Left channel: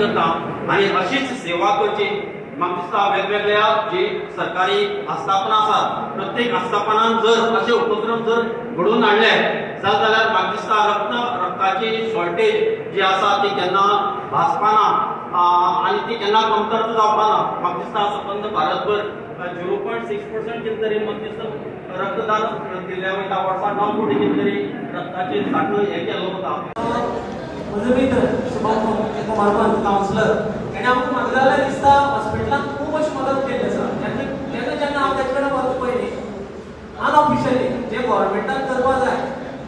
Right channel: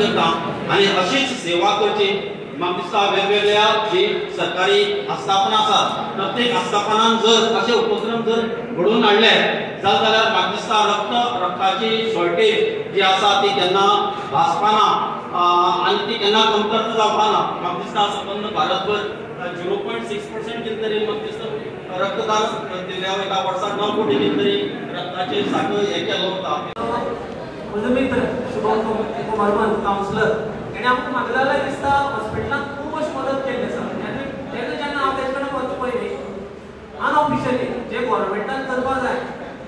करता आनी अशीच सेवा करची म्हाका दिसता वेगवेगळ्या जी सरकारी आस्थापनां आसात प्रत्येक आस्थापनान जर अशे उपक्रम जर घडोवन हाडले जाल्यार म्हाका दिसता रक्ताची शॉर्टेज जी आसा ती केन्ना भासपाना आनी ती केन्ना कमतरता जावपाना म्हाका दिसता संबंद भारतभर 0.6% कितें तरी म्हाका दिसता रक्तदान दिल्ल्या वयता वर्साक 9 कोटी कितें तरी रक्ताची साखळ हे केलो वता म्हजो मित्र शुभम कुमार कावन्सिलर तेणें आमकां म्हाका जाल्यार दिसता हॉस्पिटलांत खूब अशी मदत केल्ली आसा जेन्ना हांव तेजे कडेन वचूं पयलीं अनऑफिशियली जे गव्हर्मेंटान करपाक जाय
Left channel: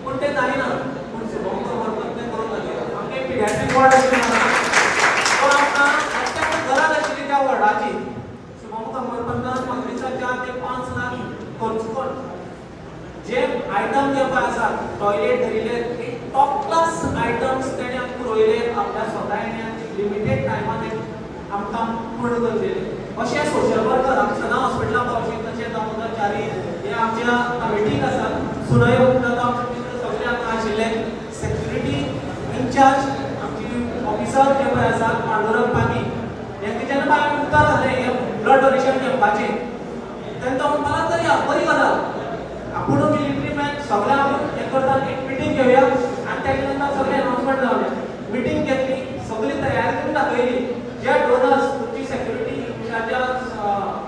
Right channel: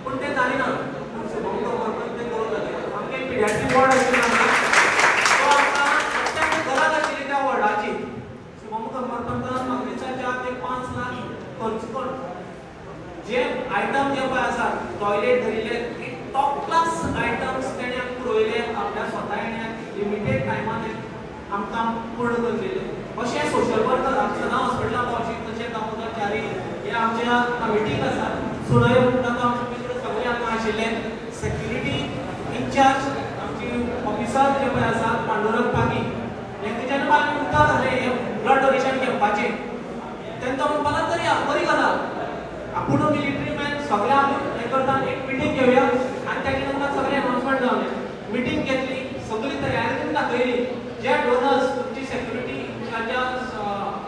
पूण तें जालें ना पूण शुभम कुमार तें करूंक लागलें आमकां एक पिडियाट्रीक वॉर्ड आशिल्लो तो आमकां प्रत्येक गरज आशिल्ली त्या वॉर्डाची शुभम कुमार म्हाका दिसता 4 ते 5 लाख खर्च करून जे आयटम जे पळय आसा टॉयलेट धरिल्ले टॉप क्लास आयटम्स तेणे आमकां पुरयले आपल्या स्वतायेन लिमिटेड टायमान आमकां पूर्ण करलेले अशें सोशल वर्कराक सदां हॉस्पिटलांत पावचे तशें कर्मचारी हे आमच्या कमिटीक आसा सुनय उपरांत आमचे मित्र सगळे हांगा आशिल्ले सेक्युरिटी इन्चार्ज आमची ऑफिसर जे पळय आसा पांडुरंग पागी हेंका जेन्ना पासून उतर जालें हे ब्लड डोनेशन घेवपाचें तेन्ना तो म्हणपाक तरी बरी गजाल आपूण मिलिटरी मॅन सगळे आपूण हे करता एक मिटींग घेवया आनी तेजे नंतर सगळे अनाउन्समेंट जावले मिटींग घेतली सगळी तयारी करून दाखयली जे डोनर्स तुमची सेक्युरिटी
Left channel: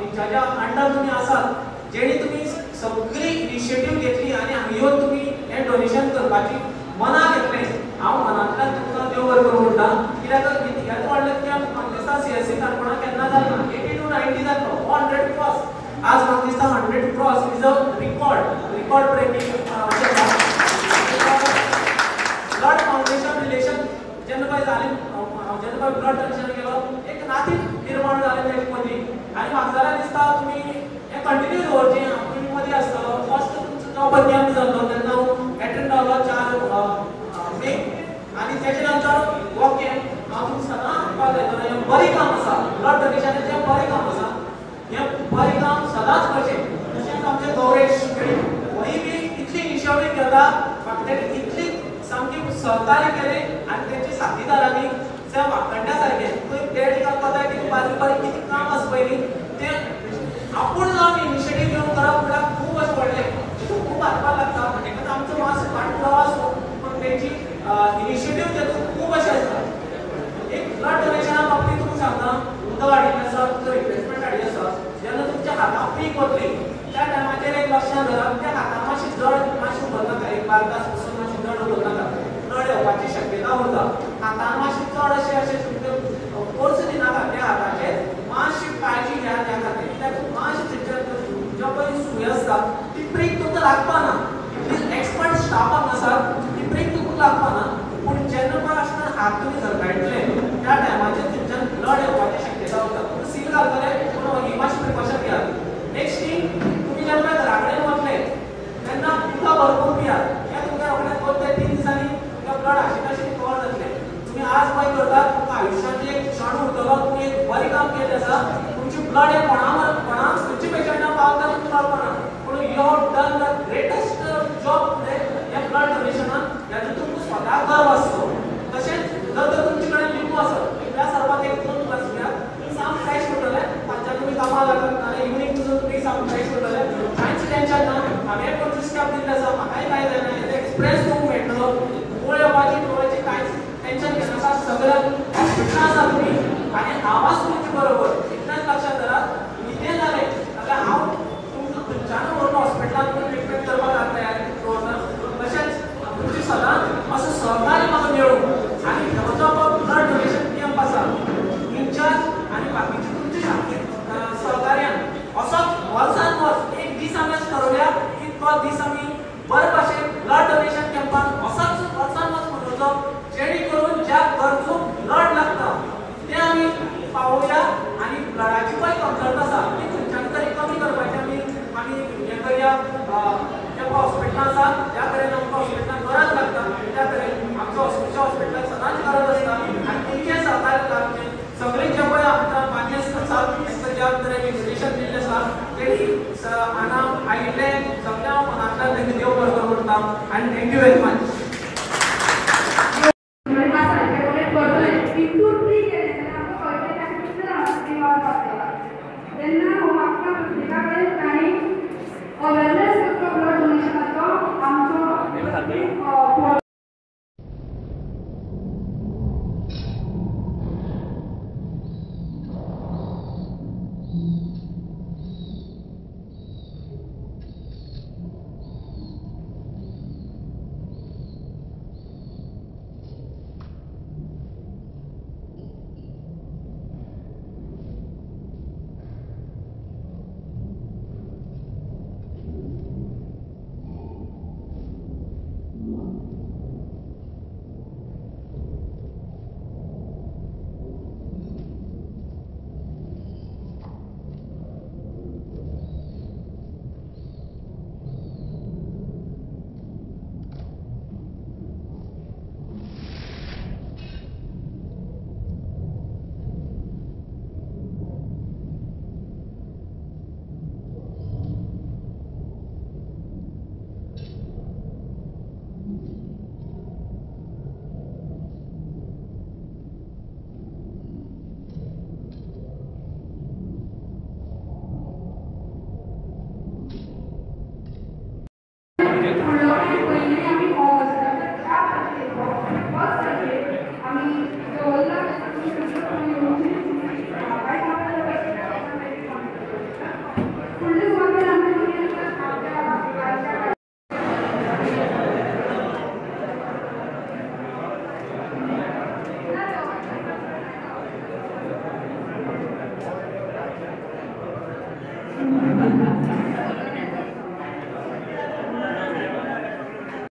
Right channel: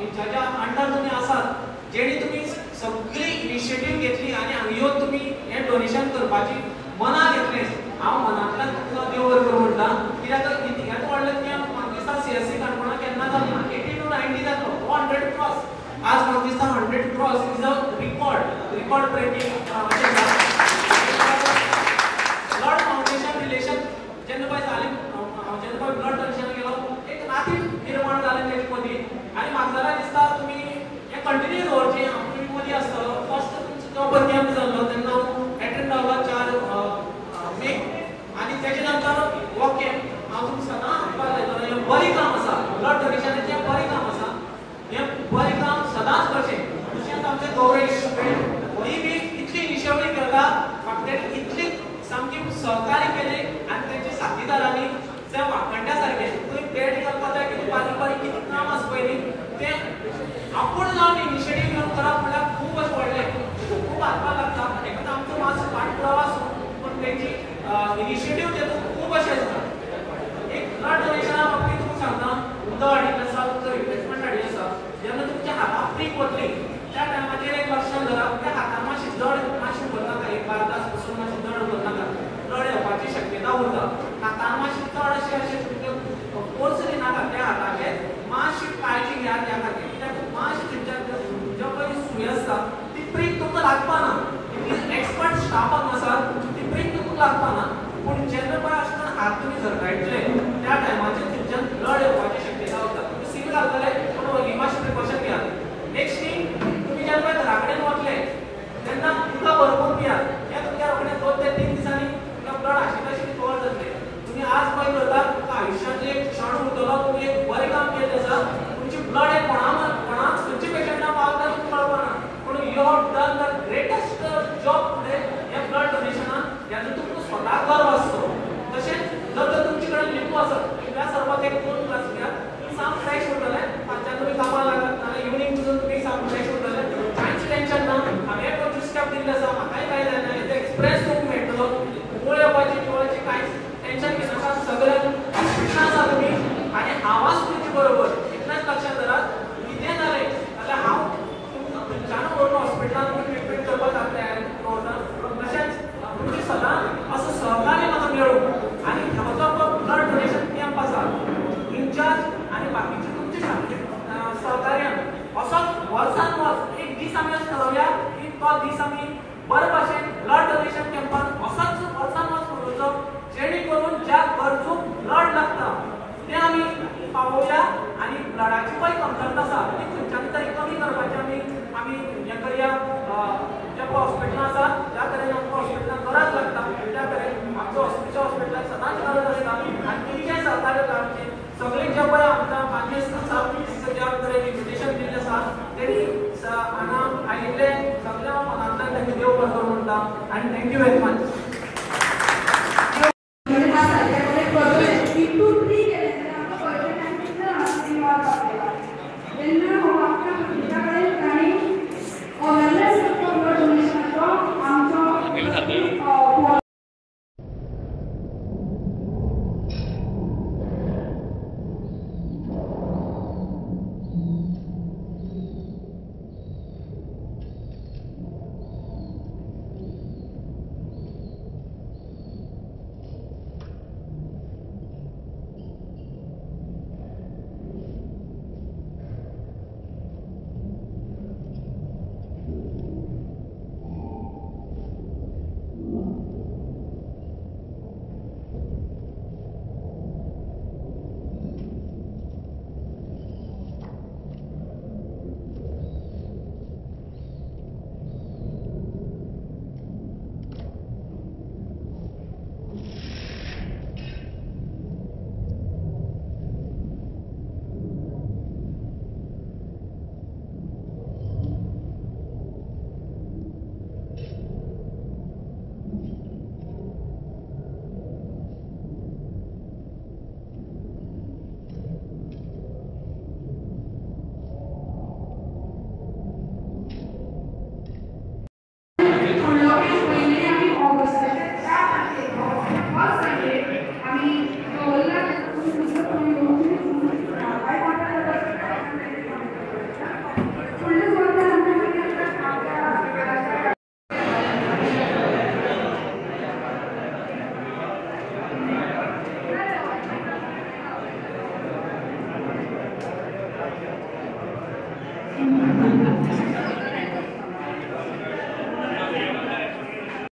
इन्चार्जा अंडर तुमी आसात जेणी तुमी सगळी इनिशिएटीव घेतली आनी हांगा येवन तुमी हे डोनेशन करपाची मना घेतलें हांव मनांतल्यान तुमकां देव बरें करूं म्हणटा कित्याक इतिहास वाडले की म्हाका दिसता सीएससी काणकोणा केन्ना जालो ना 80 to 90 जातलो 100 क्रॉस आज म्हाका दिसता 100 cross is a record breaking blood foundation relation जेन्ना पळय जालें हांव जेन्ना पळय ब्लड डोनेशन केलो एक नाती निर्माण जालें तेजे मदीं आनी म्हाका जाल्यार दिसता तुमी हें कंटिन्यू दवरचें हांव तुमी मदीं आसतलो फर्स्ट तुमचो भरती जाल्लो तेन्ना एटेंड जालो 4 मे आनी तेजे नंतर ओके हांव तुमकां सदां म्हणपाक लायतालो हें बरें काम आसा ब्लड डोनेशनाचें बरें काम आसा हें बरें काम सदांच करचें तशेंच आमचें गौरेश वही बी इतली इनिशिएटीव घेता म्हाका तेणी इतली सामकी सहकार्य केलें आनी तेंच्या साथीदारांनी जे वांकड्या सारके खंय बेड घालपाक जाय कितें बारीक बारीक कितें काम आसा पयलीं तें आपूण जावन इनिशिएटीव घेवन करप म्हळ्यार खूब अशें व्हडलें तशें खूब हातपाक लागता तेका आमचो मातसो फाटपुरावो आसूं पूण तेंची इनिशिएटीव तेतूंत खूब अशें आसता एक ब्लड डोनेशना बाबतींत तुमकां सांगता उदक हाडिल्लें आसा तुमचो रिप्लेसमेंट हाडिल्लो आसा जेन्ना तुमच्या हाताक पीक वतली त्या टायमाचेर एक लक्षांत धरात त्या हातान मातशी जड मातशें उरनाका एक 12 तास पसून मातशें जड उरनाका ब्लड येवपाची शक्यता उरता हातान मातशें चड अशें तुमकां फोर्स दिनाका त्या हाताचेर मातशी काळजी घेयात त्या खातीर कित्याक मातशें थंयच्यान ज्यो पयली सुय आसता ती प्रीक तुमकां लागपाना एक्सपर्ट स्टाफाक आसा ती प्रीक तुमकां लागपाना पूण जेन्ना पळय आसतना हात तुमी झरगायतले त्या टायमाचेर थंयच्यान ब्लड येवपाची शक्यता उरता तुमी सील घालतले पूण ही मातशी प्रिकॉशन घेयात नेक्स्ट थिंग तुमी जेन्ना घरा कडेन वतले तेन्ना उदक भरपूर पियात कित्याक तुमच्या रोखडेच 2 ते 3 दिसांनी तुमकां ब्लड आशिल्लें कवर जातलें तुमी आज पळय करतात तुमकां आयुश्यांतले एक क्षण उरतलो तुमी एक बरें काम केल्लें आसा तुमची ब्लड हें कोणाक खंयच्या पेशंटाक पावता तुमकां कळपाना पूण you have done the greatest job today ह्या ब्लड डोनेशनान हेजो तुमकां स्वताक गर्व आसतलो तशेंच जर तर तुमचे कडेन लिंबू आसत इकड्या सरबत एक 2 ग्लास घेयात तुमी साम फ्रेश उरतले फाल्यां तुमी कामाक लागत नाल्यार इवनिंग सुद्दां तुमी साम फ्रेश उरतले कांयच टेन्शन ना हांवें 25 स्टेप दिल्ले आसा म्हाकाय कांय जायना हेजो एक्सपिरियन्स तुमकां मेळटलो मूळ येवपाची डोळ्याचें कांयच टेन्शन घेनाका सगळ्याक हॉस्पिटलांत आसा तुमी आनी आवाज तुमचे बरोबर इतलेंच लक्षांत धरात कितें जालें जाल्यार हांव तुमकां खंयच्यान व्हरून हॉस्पिटलांत तुमी ट्रिटमेंट करपाक हांव तयारी दवरता तशेंच तुमचे सदां असो सहकार्य म्हाका मेळूं आनी हो जो ब्लड डोनेशन कॅम्प आसा इन्चार्ज आनी बाकीचे तुमचे सहकार्यान असोच वर्सान वर्स एक दीस आमी ठरवल्या की तो दीस आमी बरे भाशेन ब्लड डोनेशन कॅम्पान असोच वर्सान वर्स मनोवचो जेणे करून ज्या गरजूक ब्लड लागता ते आमी पावोवया आनी ब्लडाची पळय कमतरता आसा ती खंयच्यान तरी कमी करपाची आमी हें करया जे हॉस्पिटलां आसा ज्या कडेन आमकां हॉस्पिटलांत गरज लागता त्या कडेन आमच्या हॉस्पिटलांत सदांच गरज आसता आनी तुमचें सहकार्य लागचें सगळीं जे पळय आमकां मान्य आसा तांकां ज्या तरेन इन्विटेशन दिल्लें आसा तेणी हांगा आयिल्ले सगळ्या मनांतल्यान तांकां देव बरें करूं म्हणटा आनी थँक्यू व्हेरी मच इंटू 3 केले तर आपलं पर्सेंटेज किती राहणार 3 मार्क आपल्याला. त्यांना मग आपल्या प्रत्येकाकडे